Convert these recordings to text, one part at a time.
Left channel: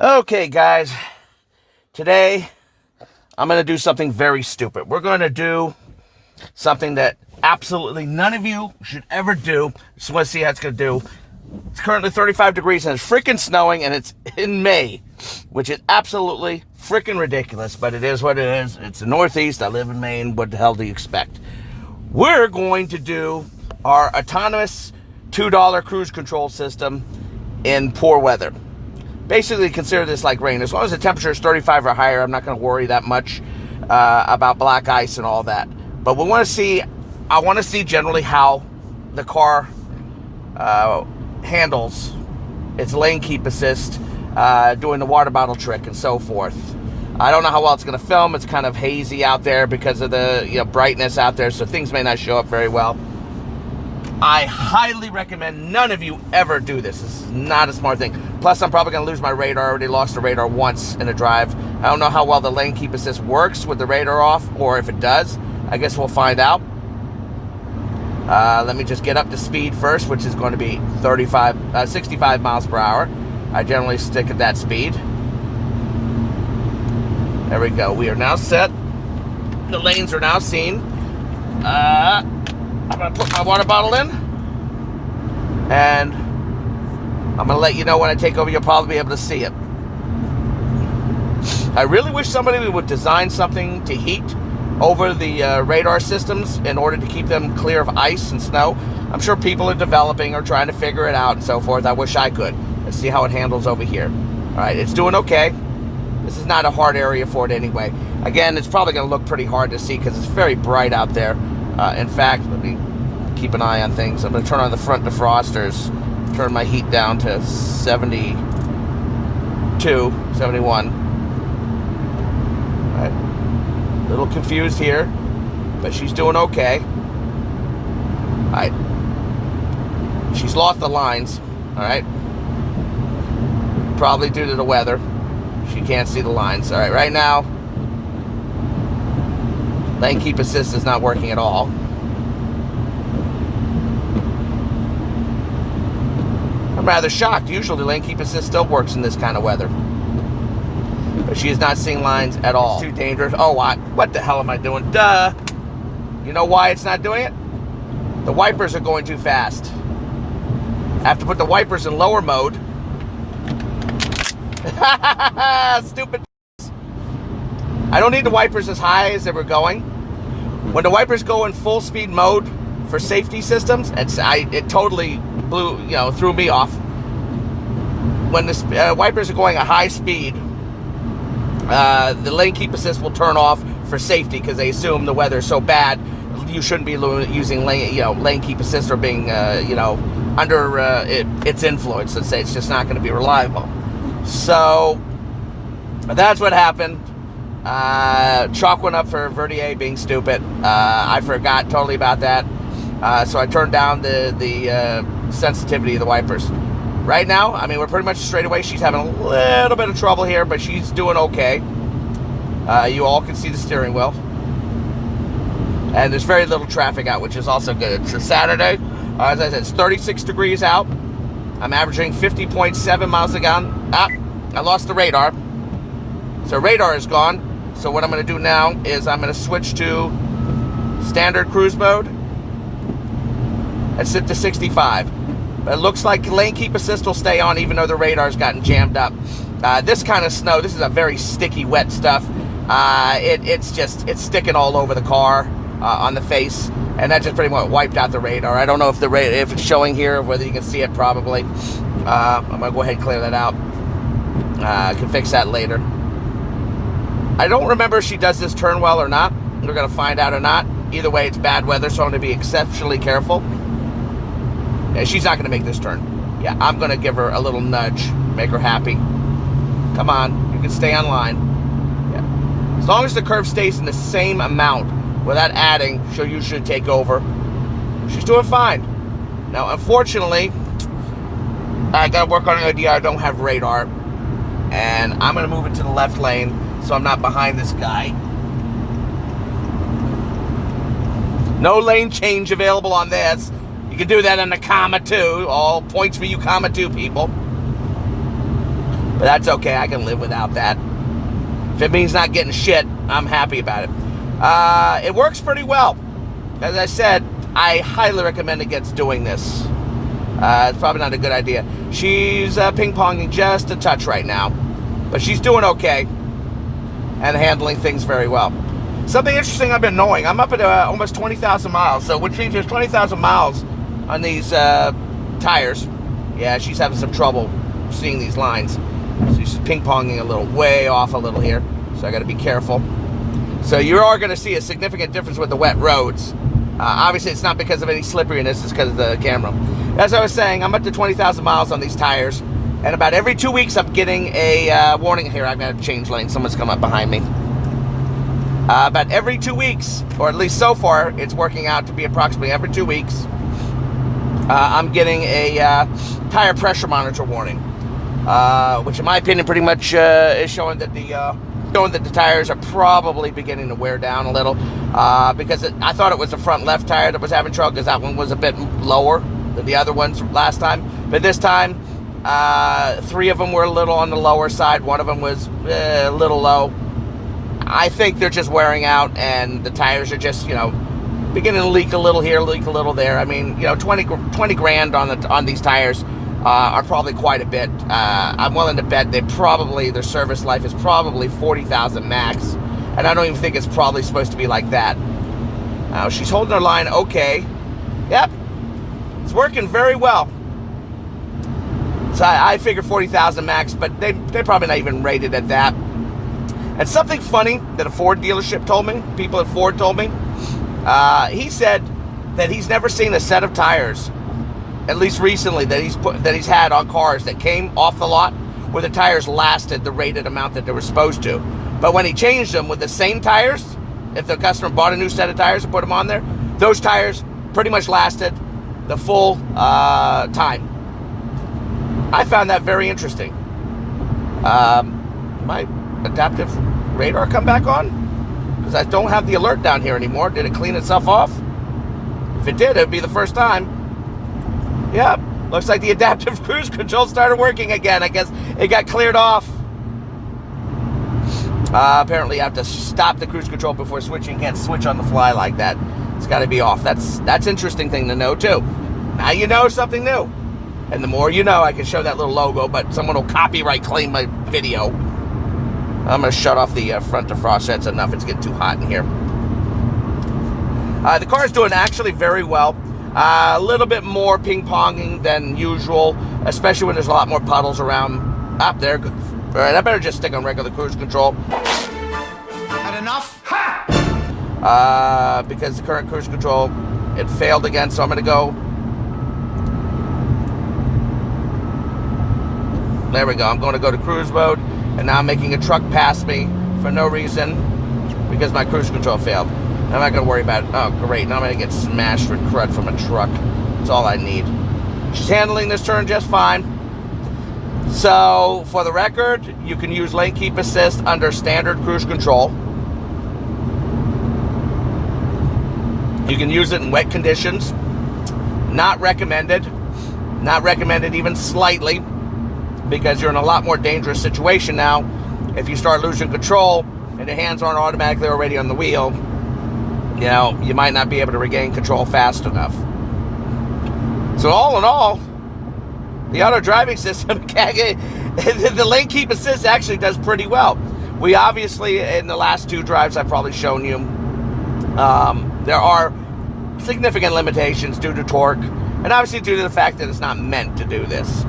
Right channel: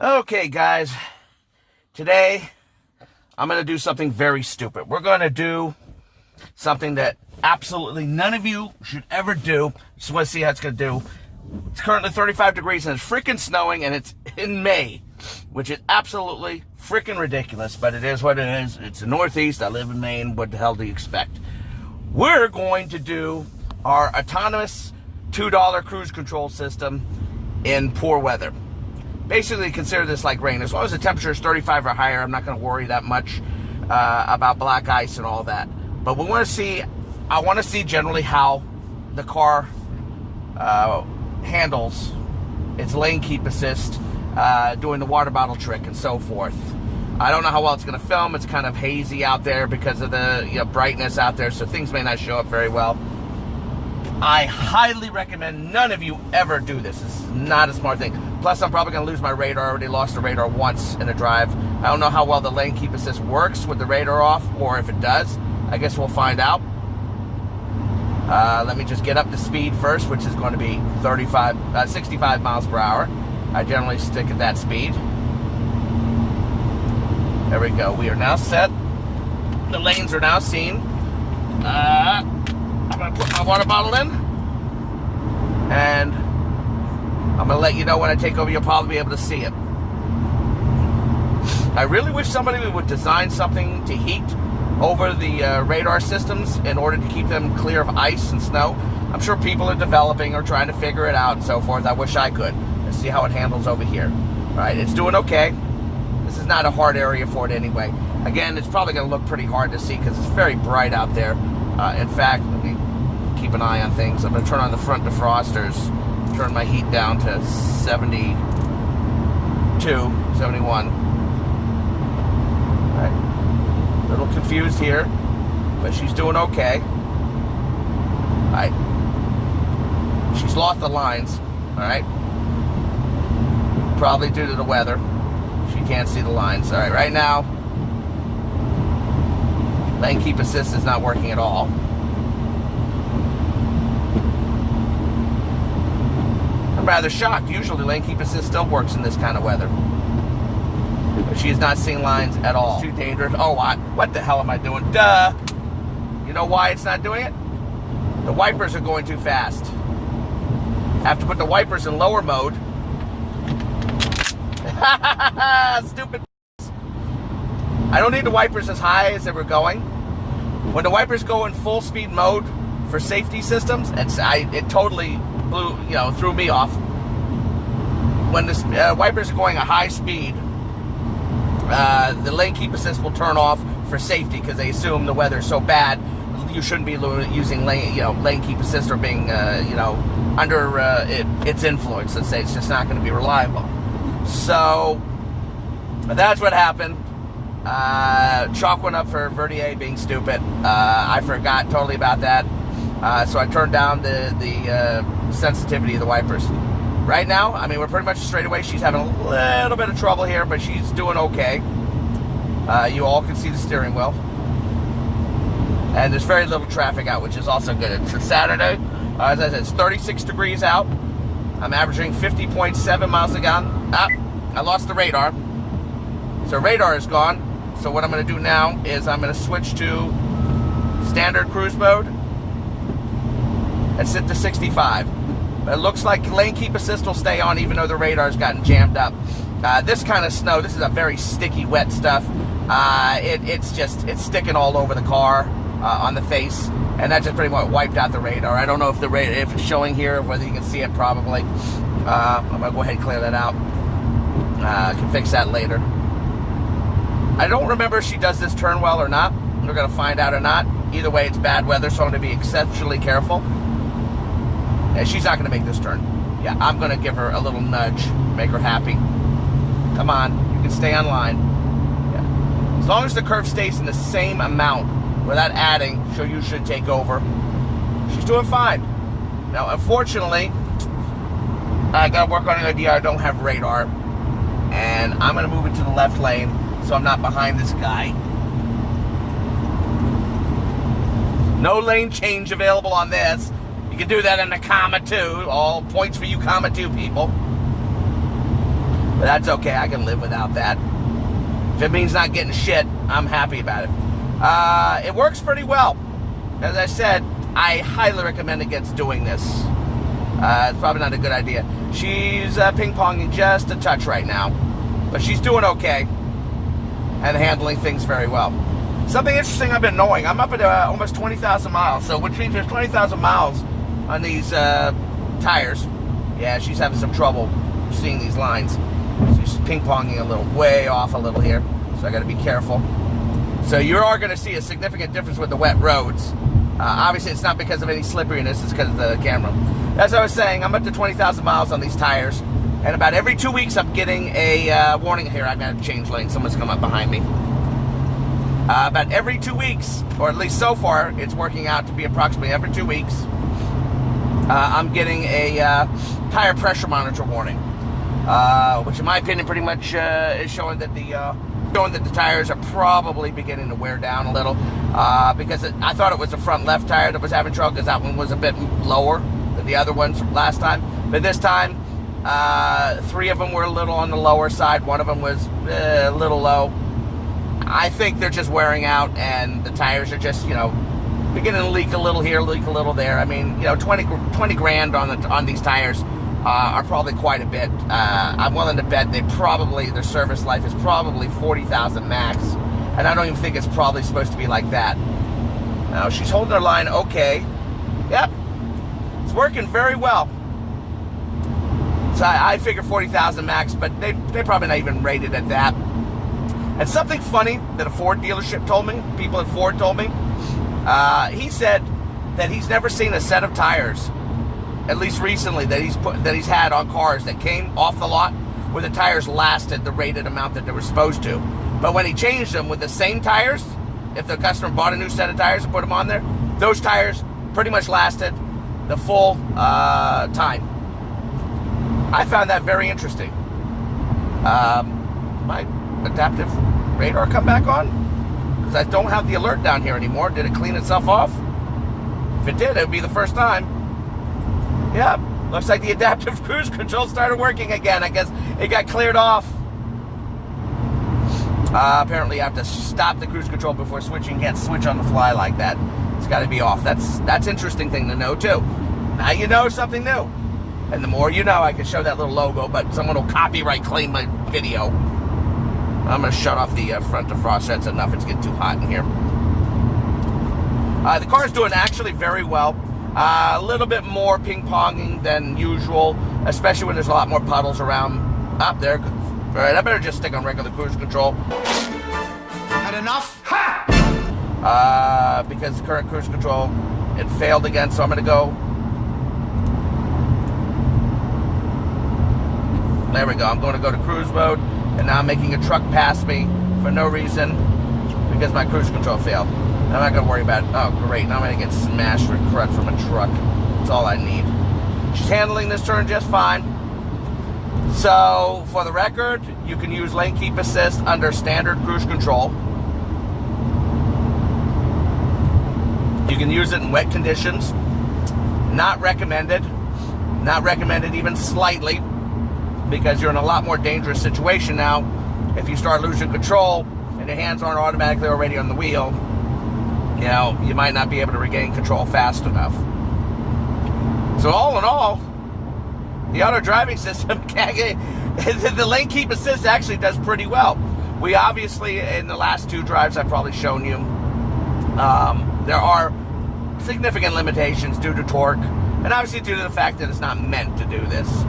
Okay, guys, today I'm going to do something very stupid. We're going to do something that absolutely none of you should ever do. Just want to see how it's going to do. It's currently 35 degrees and it's freaking snowing, and it's in May, which is absolutely freaking ridiculous, but it is what it is. It's the Northeast. I live in Maine. What the hell do you expect? We're going to do our autonomous $2 cruise control system in poor weather. Basically, consider this like rain. As long as the temperature is 35 or higher, I'm not going to worry that much about black ice and all that. But I want to see generally how the car handles its lane keep assist, doing the water bottle trick and so forth. I don't know how well it's going to film. It's kind of hazy out there because of the brightness out there, so things may not show up very well. I highly recommend none of you ever do this. This is not a smart thing. Plus, I'm probably going to lose my radar. I already lost the radar once in a drive. I don't know how well the lane keep assist works with the radar off, or if it does. I guess we'll find out. Let me just get up to speed first, which is going to be 65 miles per hour. I generally stick at that speed. There we go. We are now set. The lanes are now seen. I'm going to put my water bottle in, and I'm going to let you know when I take over. You'll probably be able to see it. I really wish somebody would design something to heat over the radar systems in order to keep them clear of ice and snow. I'm sure people are developing or trying to figure it out and so forth. I wish I could. Let's see how it handles over here. All right, it's doing okay. This is not a hard area for it anyway. Again, it's probably going to look pretty hard to see because it's very bright out there. In fact, let me keep an eye on things. I'm going to turn on the front defrosters, turn my heat down to 72, 71. All right. A little confused here, but she's doing okay. All right. She's lost the lines. All right. Probably due to the weather. She can't see the lines. All right. Right now, lane keep assist is not working at all. I'm rather shocked. Usually lane keep assist still works in this kind of weather. But she is not seeing lines at all. It's too dangerous. Oh, what the hell am I doing? Duh. You know why it's not doing it? The wipers are going too fast. I have to put the wipers in lower mode. Stupid. I don't need the wipers as high as they were going. When the wipers go in full speed mode for safety systems, it totally threw me off. When the wipers are going at high speed, the lane keep assist will turn off for safety because they assume the weather is so bad you shouldn't be using lane keep assist or being under its influence. Let's say it's just not going to be reliable. So that's what happened. Chalk went up for Verdier being stupid. I forgot totally about that. So I turned down the sensitivity of the wipers. Right now, I mean, we're pretty much straight away. She's having a little bit of trouble here, but she's doing okay. You all can see the steering wheel. And there's very little traffic out, which is also good. It's a Saturday. As I said, it's 36 degrees out. I'm averaging 50.7 miles a gallon. I lost the radar. So radar is gone. So what I'm going to do now is I'm going to switch to standard cruise mode and sit to 65. But it looks like lane keep assist will stay on even though the radar's gotten jammed up. This kind of snow, this is a very sticky, wet stuff. It's sticking all over the car, on the face, and that just pretty much wiped out the radar. I don't know if if it's showing here, whether you can see it. Probably. I'm going to go ahead and clear that out. I can fix that later. I don't remember if she does this turn well or not. We're going to find out or not. Either way, it's bad weather, so I'm going to be exceptionally careful. Yeah, she's not going to make this turn. Yeah, I'm going to give her a little nudge, make her happy. Come on, you can stay on line. Yeah. As long as the curve stays in the same amount without adding, you should take over. She's doing fine. Now, unfortunately, I got to work on the idea I don't have radar. And I'm going to move into the left lane so I'm not behind this guy. No lane change available on this. You can do that in the comma 2. All points for you comma 2 people. But that's okay. I can live without that. If it means not getting shit, I'm happy about it. It works pretty well. As I said, I highly recommend against doing this. It's probably not a good idea. She's ping-ponging just a touch right now. But she's doing okay. And handling things very well. Something interesting I've been knowing. I'm up at almost 20,000 miles. So which means there's 20,000 miles on these tires. Yeah, she's having some trouble seeing these lines. So she's ping-ponging a little, way off a little here. So I got to be careful. So you are going to see a significant difference with the wet roads. Obviously, it's not because of any slipperiness. It's because of the camera. As I was saying, I'm up to 20,000 miles on these tires. And about every 2 weeks, I'm getting a warning here. I'm going to change lanes. Someone's come up behind me. About every 2 weeks, or at least so far, it's working out to be approximately every 2 weeks. I'm getting a tire pressure monitor warning, which in my opinion pretty much is showing that the tires are probably beginning to wear down a little, because I thought it was the front left tire that was having trouble, because that one was a bit lower than the other ones last time. But this time, 3 of them were a little on the lower side. 1 of them was a little low. I think they're just wearing out, and the tires are just, beginning to leak a little here, leak a little there. I mean, 20 grand on these tires are probably quite a bit. I'm willing to bet their service life is probably 40,000 max, and I don't even think it's probably supposed to be like that. Now she's holding her line okay. Yep, it's working very well. So I figure 40,000 max, but they're probably not even rated at that. And something funny that a Ford dealership told me, people at Ford told me, he said that he's never seen a set of tires, at least recently, that he's had on cars that came off the lot where the tires lasted the rated amount that they were supposed to. But when he changed them with the same tires, if the customer bought a new set of tires and put them on there, those tires pretty much lasted the full time. I found that very interesting. My adaptive radar come back on? Because I don't have the alert down here anymore. Did it clean itself off? If it did, it would be the first time. Yeah, looks like the adaptive cruise control started working again. I guess it got cleared off. Apparently I have to stop the cruise control before switching. Can't switch on the fly like that. It's got to be off. That's interesting thing to know too. Now you know something new. And the more you know, I can show that little logo, but someone will copyright claim my video. I'm going to shut off the front defrost. That's enough. It's getting too hot in here. The car's doing actually very well. A little bit more ping-ponging than usual, especially when there's a lot more puddles around. Up there. All right, I better just stick on regular cruise control. Had enough? Ha! Because the current cruise control, it failed again, so I'm going to go. There we go. I'm going to go to cruise mode, and now I'm making a truck pass me for no reason because my cruise control failed. I'm not going to worry about it. Oh, great. Now I'm going to get smashed with crud from a truck. That's all I need. She's handling this turn just fine. So, for the record, you can use lane keep assist under standard cruise control. You can use it in wet conditions. Not recommended. Not recommended even slightly, because you're in a lot more dangerous situation now. If you start losing control and your hands aren't automatically already on the wheel, you might not be able to regain control fast enough. So all in all, the auto driving system, the lane keep assist actually does pretty well. We obviously, in the last 2 drives I've probably shown you, there are significant limitations due to torque, and obviously due to the fact that it's not meant to do this.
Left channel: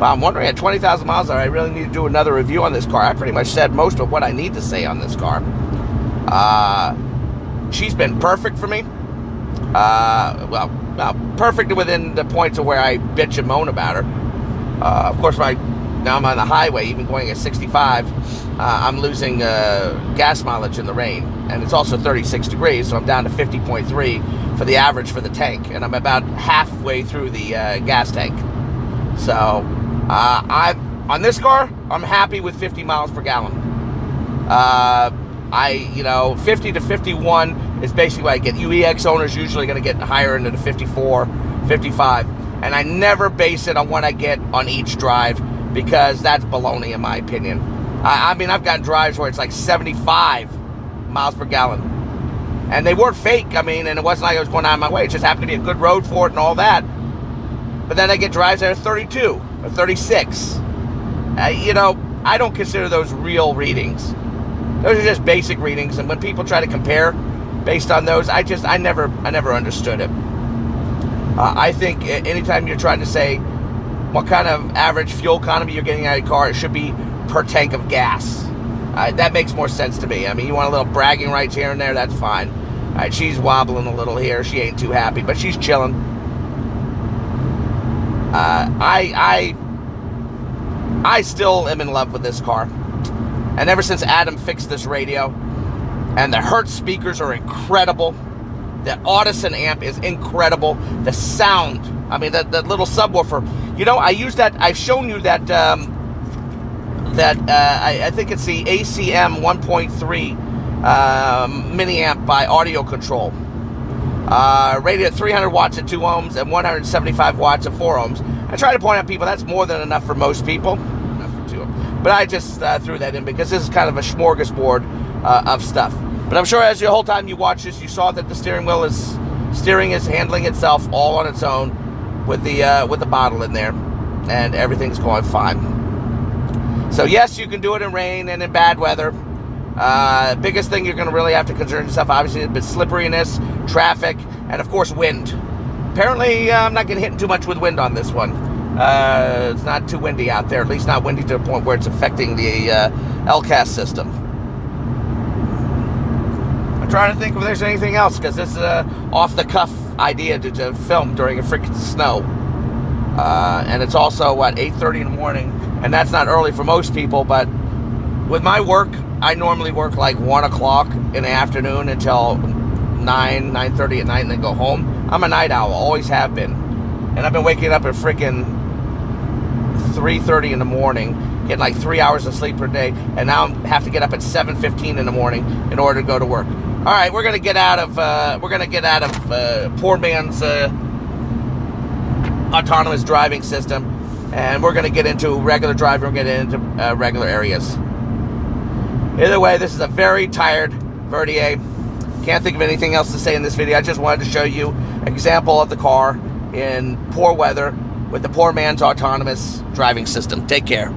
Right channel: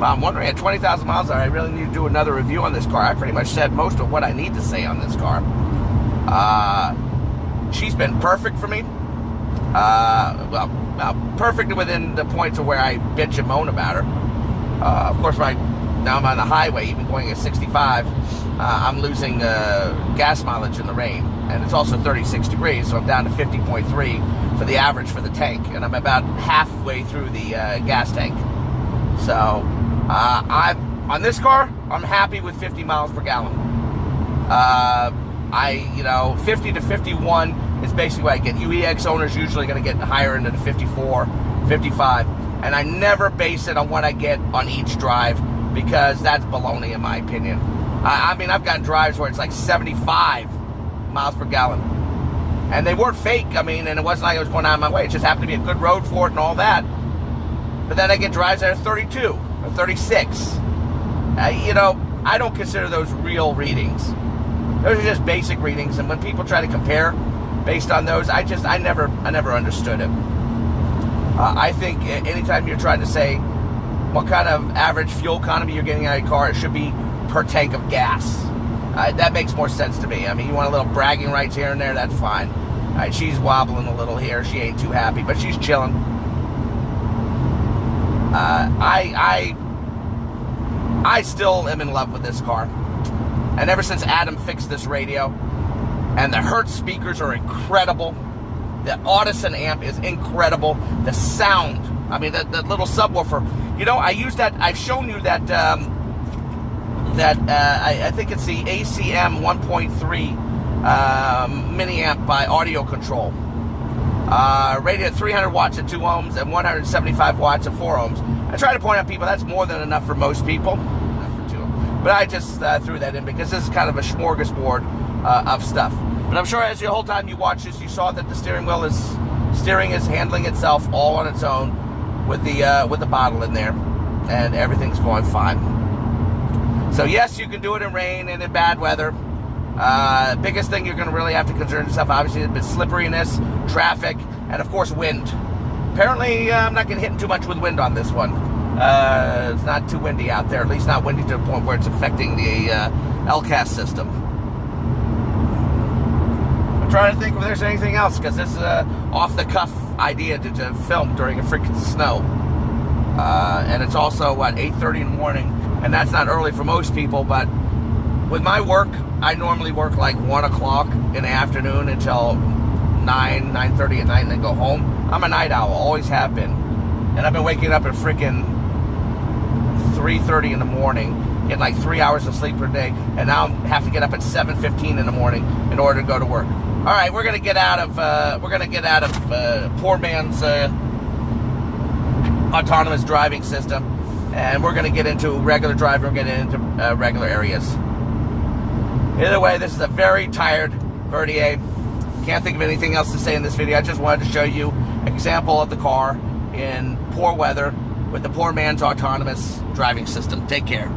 Well, I'm wondering, at 20,000 miles, I really need to do another review on this car. I pretty much said most of what I need to say on this car. She's been perfect for me. Perfect within the points of where I bitch and moan about her. Of course, now I'm on the highway, even going at 65, I'm losing gas mileage in the rain. And it's also 36 degrees, so I'm down to 50.3 for the average for the tank. And I'm about halfway through the gas tank. So, on this car, I'm happy with 50 miles per gallon. 50 to 51 is basically what I get. UEX owners usually going to get higher into the 54, 55. and I never base it on what I get on each drive, because that's baloney in my opinion. I mean, I've gotten drives where it's like 75 miles per gallon, and they weren't fake. I mean, and it wasn't like I was going out of my way. It just happened to be a good road for it and all that. But then I get drives that are 32 or 36. You know, I don't consider those real readings. Those are just basic readings, and when people try to compare based on those, I never understood it. I think anytime you're trying to say what kind of average fuel economy you're getting out of your car, it should be per tank of gas. That makes more sense to me. I mean, you want a little bragging rights here and there, that's fine. All right, she's wobbling a little here. She ain't too happy, but she's chilling. I still am in love with this car. And ever since Adam fixed this radio, and the Hertz speakers are incredible, the Audison amp is incredible, the sound, I mean, that little subwoofer, you know, I use that, I've shown you that, I think it's the ACM 1.3 mini amp by Audio Control. Rated at 300 watts at 2 ohms and 175 watts at 4 ohms. I try to point out people that's more than enough for most people. Not for 2. But I just threw that in because this is kind of a smorgasbord of stuff. But I'm sure as the whole time you watch this, you saw that the steering is handling itself all on its own with the bottle in there, and everything's going fine. So yes, you can do it in rain and in bad weather. Biggest thing you're going to really have to concern yourself, obviously, is slipperiness, traffic, and of course wind. Apparently, I'm not getting hit too much with wind on this one. It's not too windy out there, at least not windy to the point where it's affecting the LCAS system. I'm trying to think if there's anything else, because this is an off-the-cuff idea to film during a freaking snow. And it's also, 8:30 in the morning, and that's not early for most people, but with my work, I normally work like 1 o'clock in the afternoon until 9:30 at night, and then go home. I'm a night owl, always have been. And I've been waking up at freaking 3:30 in the morning, getting like 3 hours of sleep per day, and now I have to get up at 7:15 in the morning in order to go to work. All right, we're gonna get out of poor man's autonomous driving system, and we're gonna get into regular driving. We're gonna get into regular areas. Either way, this is a very tired Verdier. Can't think of anything else to say in this video. I just wanted to show you an example of the car in poor weather with the poor man's autonomous driving system. Take care.